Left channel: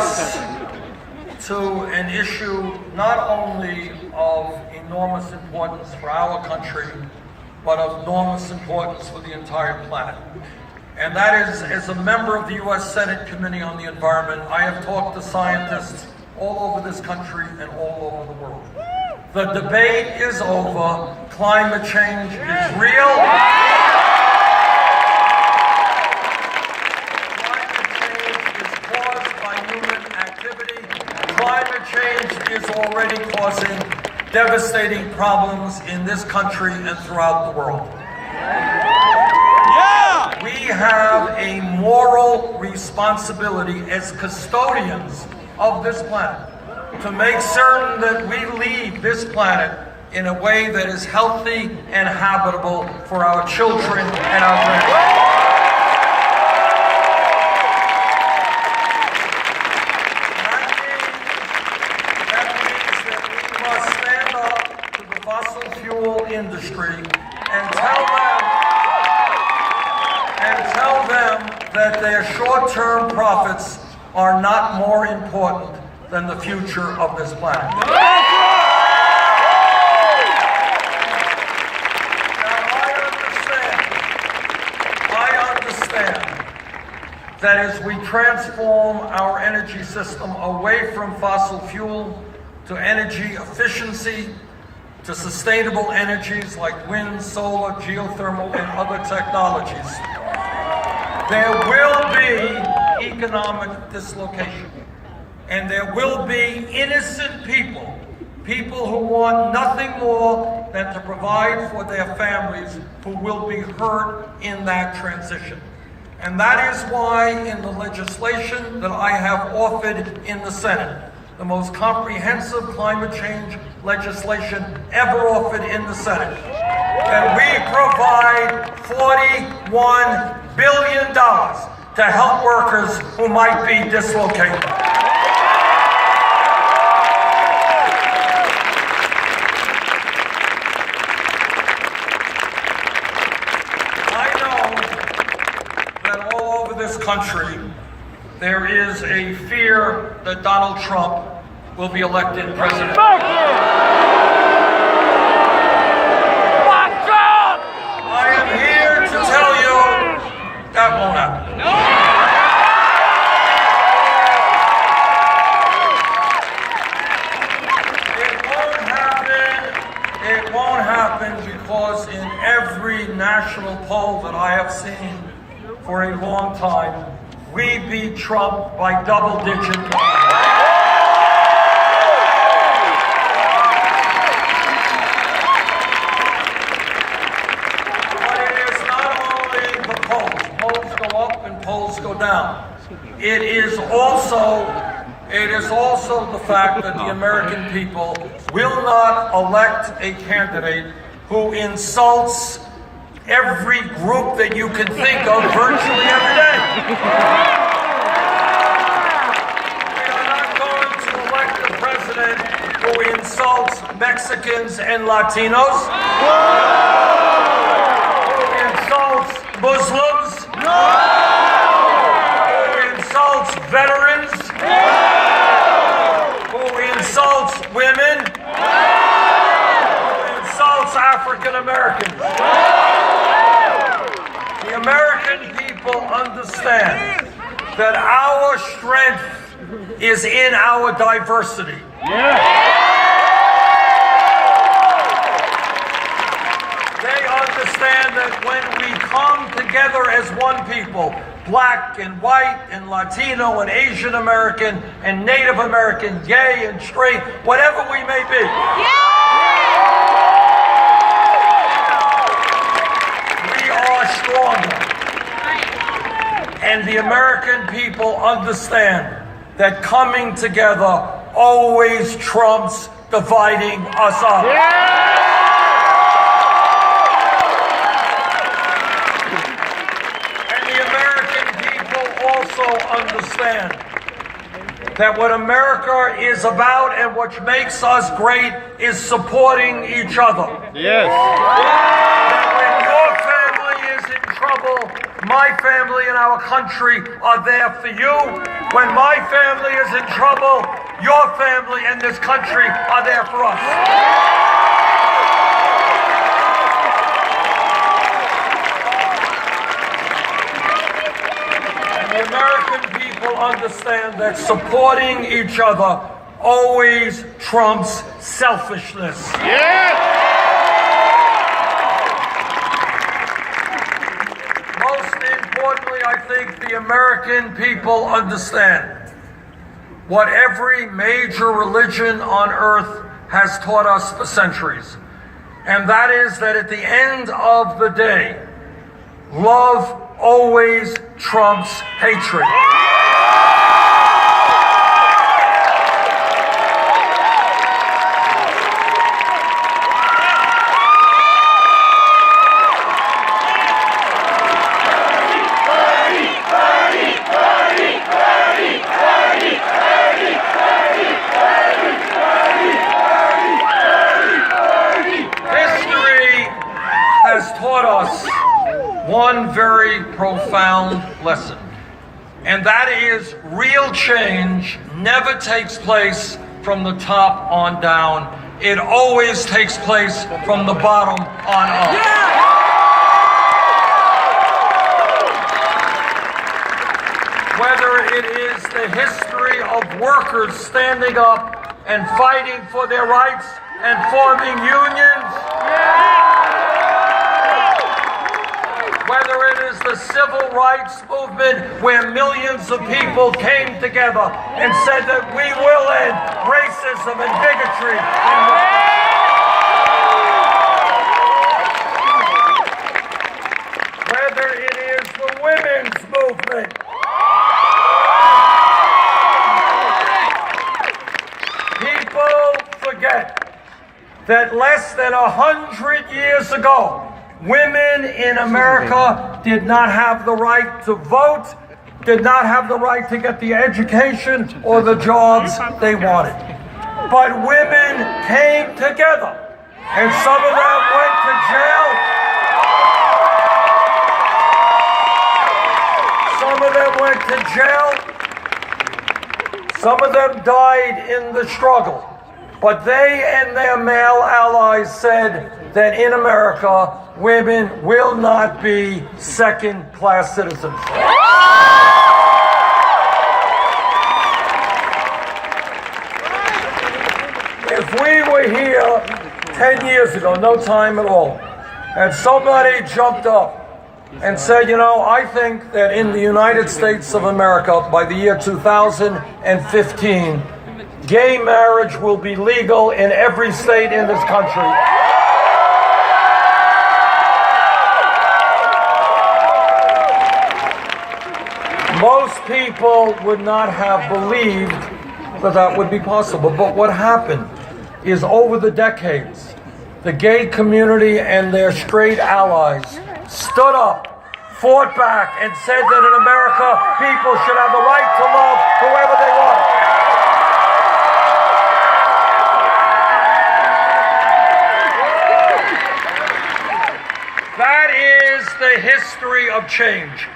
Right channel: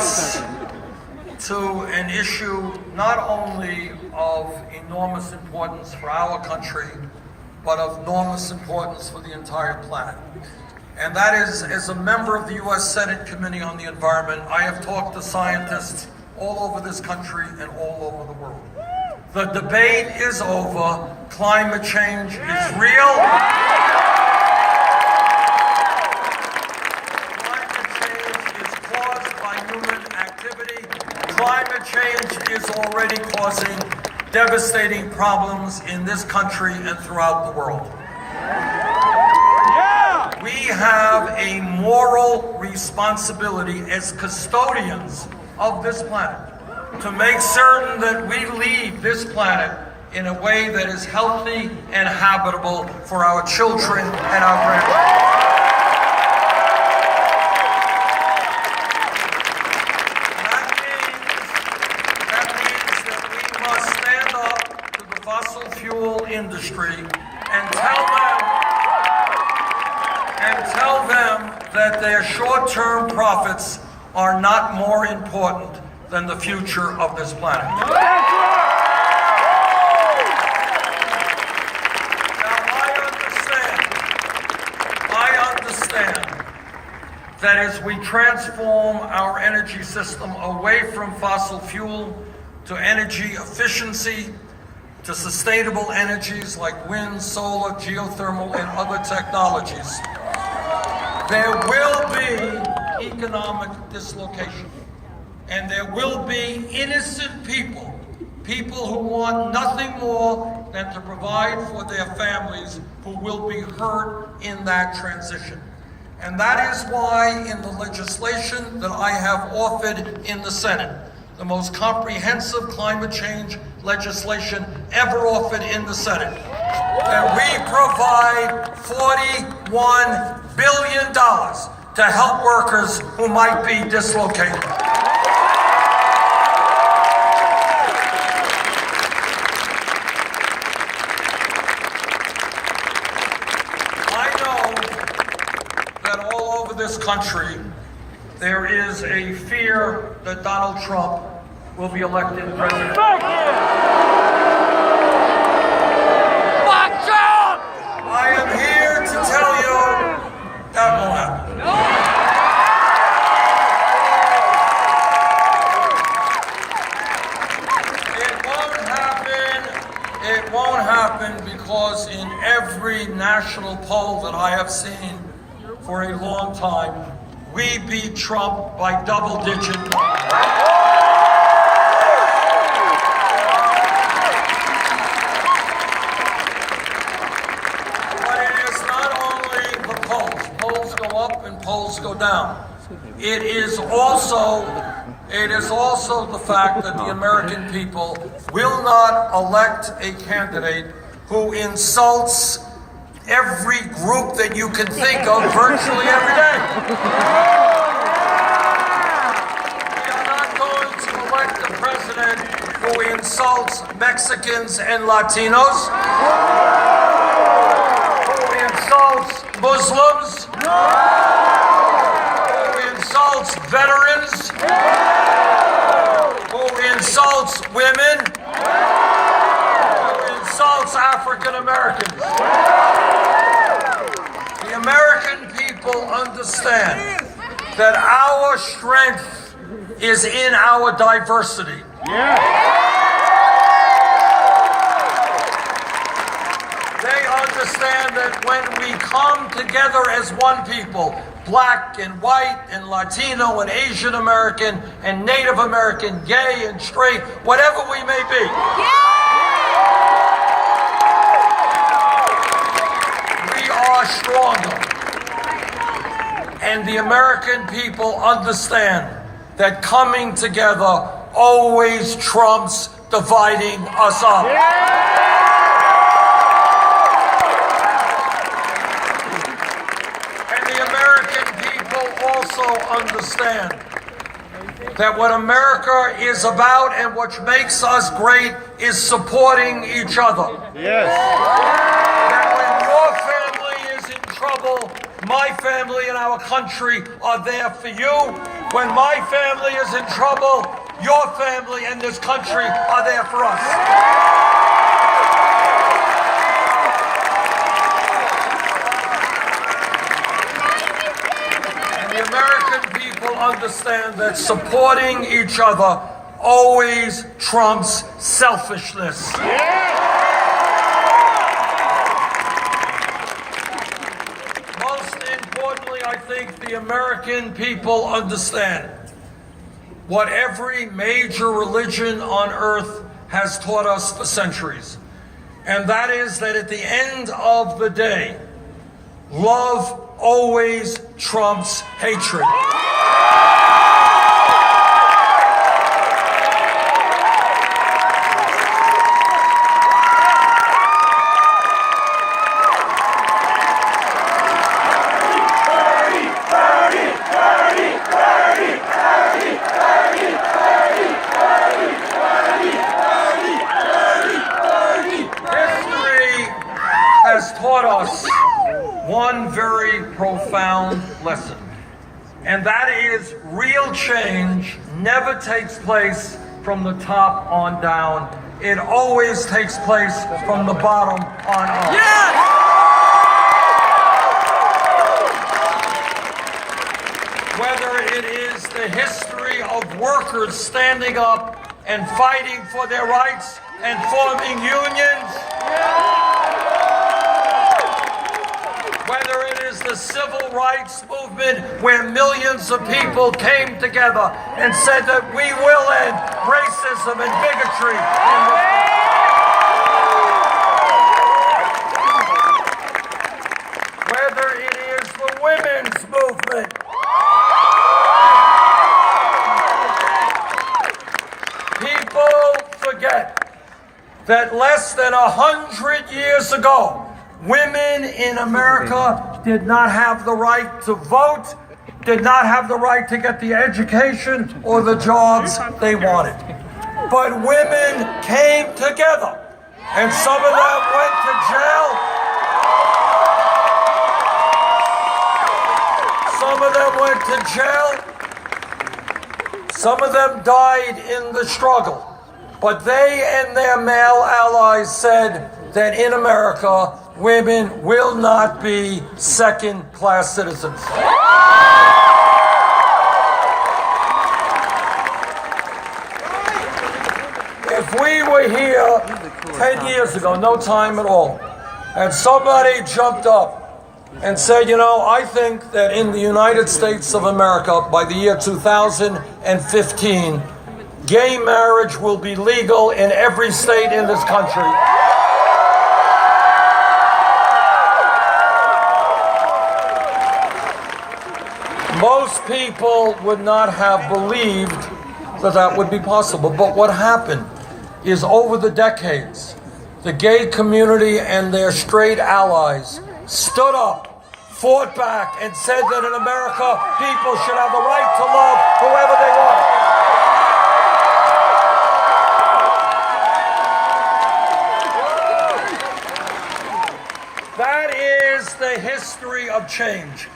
us to an issue not only of enormous importance for our country, but of enormous importance for the entire planet. And that is, as a member of the U.S. Senate Committee on the Environment, I have talked to scientists all over this country and all over the world. The debate is over. Climate change is real. Climate change is caused by human activity. Climate change is already causing devastating problems in this country and throughout the world. We have a moral responsibility as custodians of this planet to make certain that we leave this planet in a way that is healthy and habitable for our children and our grandchildren. That means that we must stand up to the fossil fuel industry and tell them that their short-term profits are not more important than the future of this planet. Now, I understand that as we transform our energy system away from fossil fuel to energy efficiency, to sustainable energies like wind, solar, geothermal, and other technologies, there will be economic dislocation. And there will be innocent people who want nothing more than to provide for their families, who will be hurt in that transition. And that is why in the legislation that I have offered in the Senate, the most comprehensive climate change legislation ever offered in the Senate, that we provide $41 billion to help workers who might be dislocated. I know that all over this country there is a fear that Donald Trump will be elected president. I am here to tell you that won't happen. No. It won't happen because in every national poll that I have seen for a long time, we beat Trump by double digit. Polls go up and polls go down. It is also the fact that the American people will not elect a candidate who insults every group that you can think of virtually every day. We are not going to elect a president who insults Mexicans and Latinos, who insults Muslims, who insults veterans, who insults women, who insults African Americans. The American people understand that our strength is in our diversity. They understand that when we come together as one people, black and white and Latino and Asian American and Native American, gay and straight, whatever we may be, we are stronger. And the American people understand that coming together always trumps dividing us up. Also understand that what America is about and what makes us great is supporting each other. Yes. That when your family is in trouble, My family and our country are there for you. When my family is in trouble, your family and this country are there for us. And the American people understand that supporting each other always trumps selfishness. Most importantly, I think the American people understand what every major religion on earth has taught us for centuries. And that is that at the end of the day, love always trumps hatred. Taught us one very profound lesson, and that is real change never takes place from the top on down. It always takes place from the bottom on up. Whether it is the history of workers standing up and fighting for their rights and forming unions, whether it is the civil rights movement where millions of people came together and said that we will end racism and bigotry in this country. Whether it is the women's movement, people forget that less than 100 years ago, women in America did not have the right to vote, did not have the right to get the education or the jobs they wanted. But women came together, and some of them went to jail. Some of them went to jail. Some of them died in the struggle. But they and their male allies said that in America, women will not be second-class citizens. If we were here 10 years ago, no time at all, and somebody jumped up and said, you know, I think that in the United States of America, by the year 2015, gay marriage will be legal in every state in this country. Most people would not have believed that that would be possible. But what happened is over the decades, the gay community and their straight allies stood up, fought back, and said that in America, people should have the right to love whoever they want. That is the history of change.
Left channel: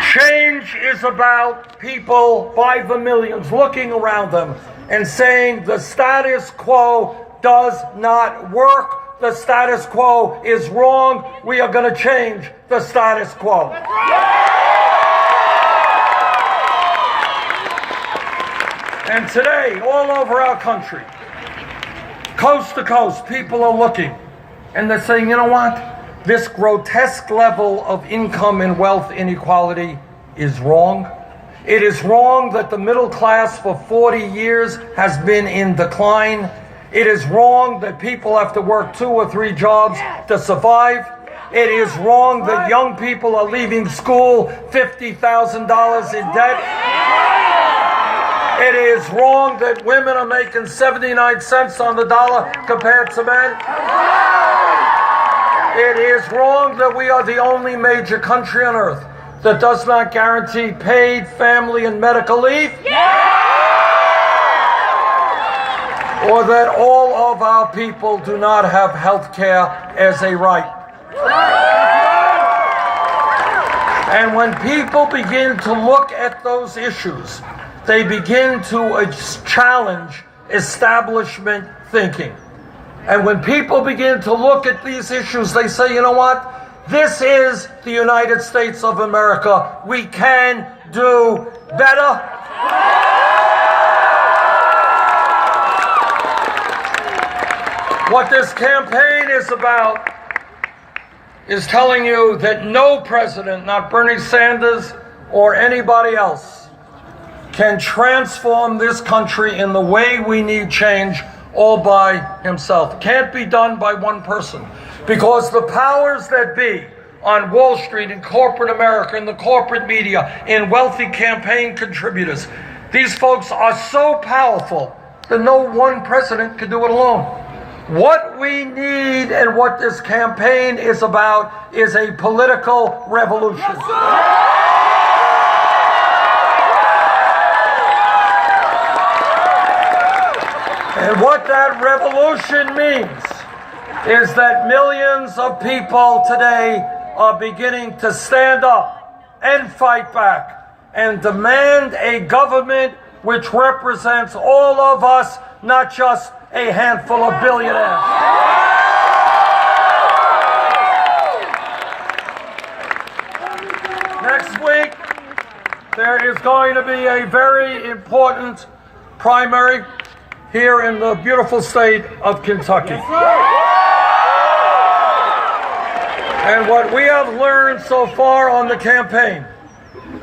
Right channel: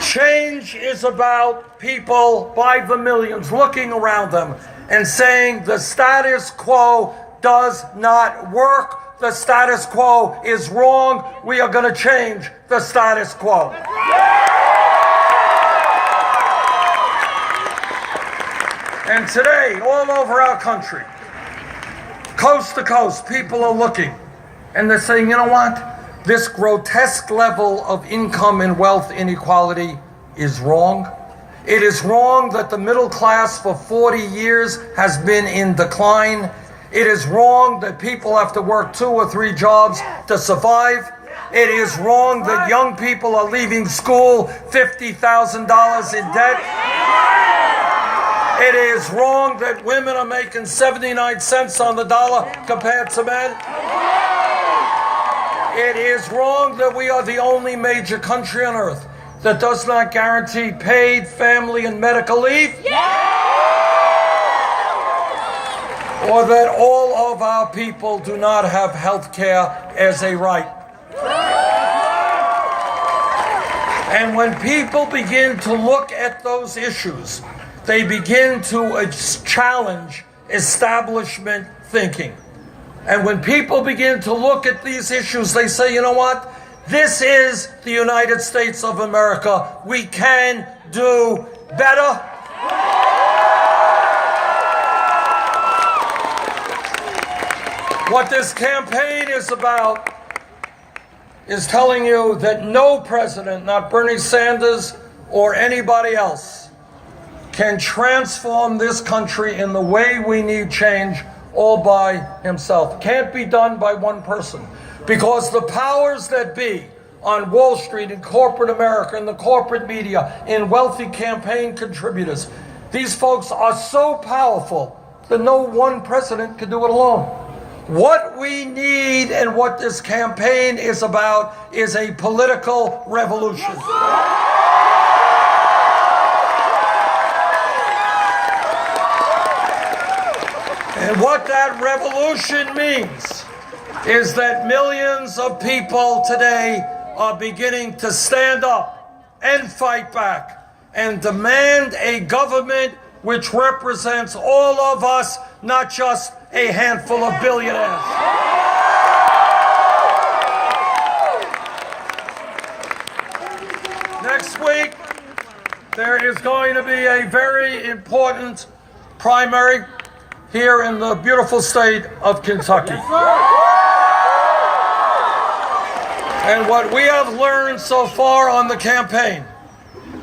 Change is about people by the millions looking around them and saying the status quo does not work. The status quo is wrong. We are going to change the status quo. And today, all over our country, coast to coast, people are looking and they're saying, you know what? This grotesque level of income and wealth inequality is wrong. It is wrong that the middle class for 40 years has been in decline. It is wrong that people have to work 2 or 3 jobs to survive. It is wrong that young people are leaving school $50,000 in debt. It is wrong that women are making 79 cents on the dollar compared to men. It is wrong that we are the only major country on earth that does not guarantee paid family and medical leave. Or that all of our people do not have health care as a right. And when people begin to look at those issues, they begin to challenge establishment thinking. And when people begin to look at these issues, they say, you know what? This is the United States of America. We can do better. What this campaign is about is telling you that no president, not Bernie Sanders or anybody else, can transform this country in the way we need change all by himself. Can't be done by one person, because the powers that be on Wall Street, in corporate America, in the corporate media, in wealthy campaign contributors, these folks are so powerful that no one president can do it alone. What we need and what this campaign is about is a political revolution. And what that revolution means is that millions of people today are beginning to stand up and fight back and demand a government which represents all of us, not just a handful of billionaires. Next week, there is going to be a very important primary here in the beautiful state of Kentucky. And what we have learned so far on the campaign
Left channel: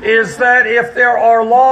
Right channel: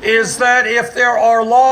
is that if there are laws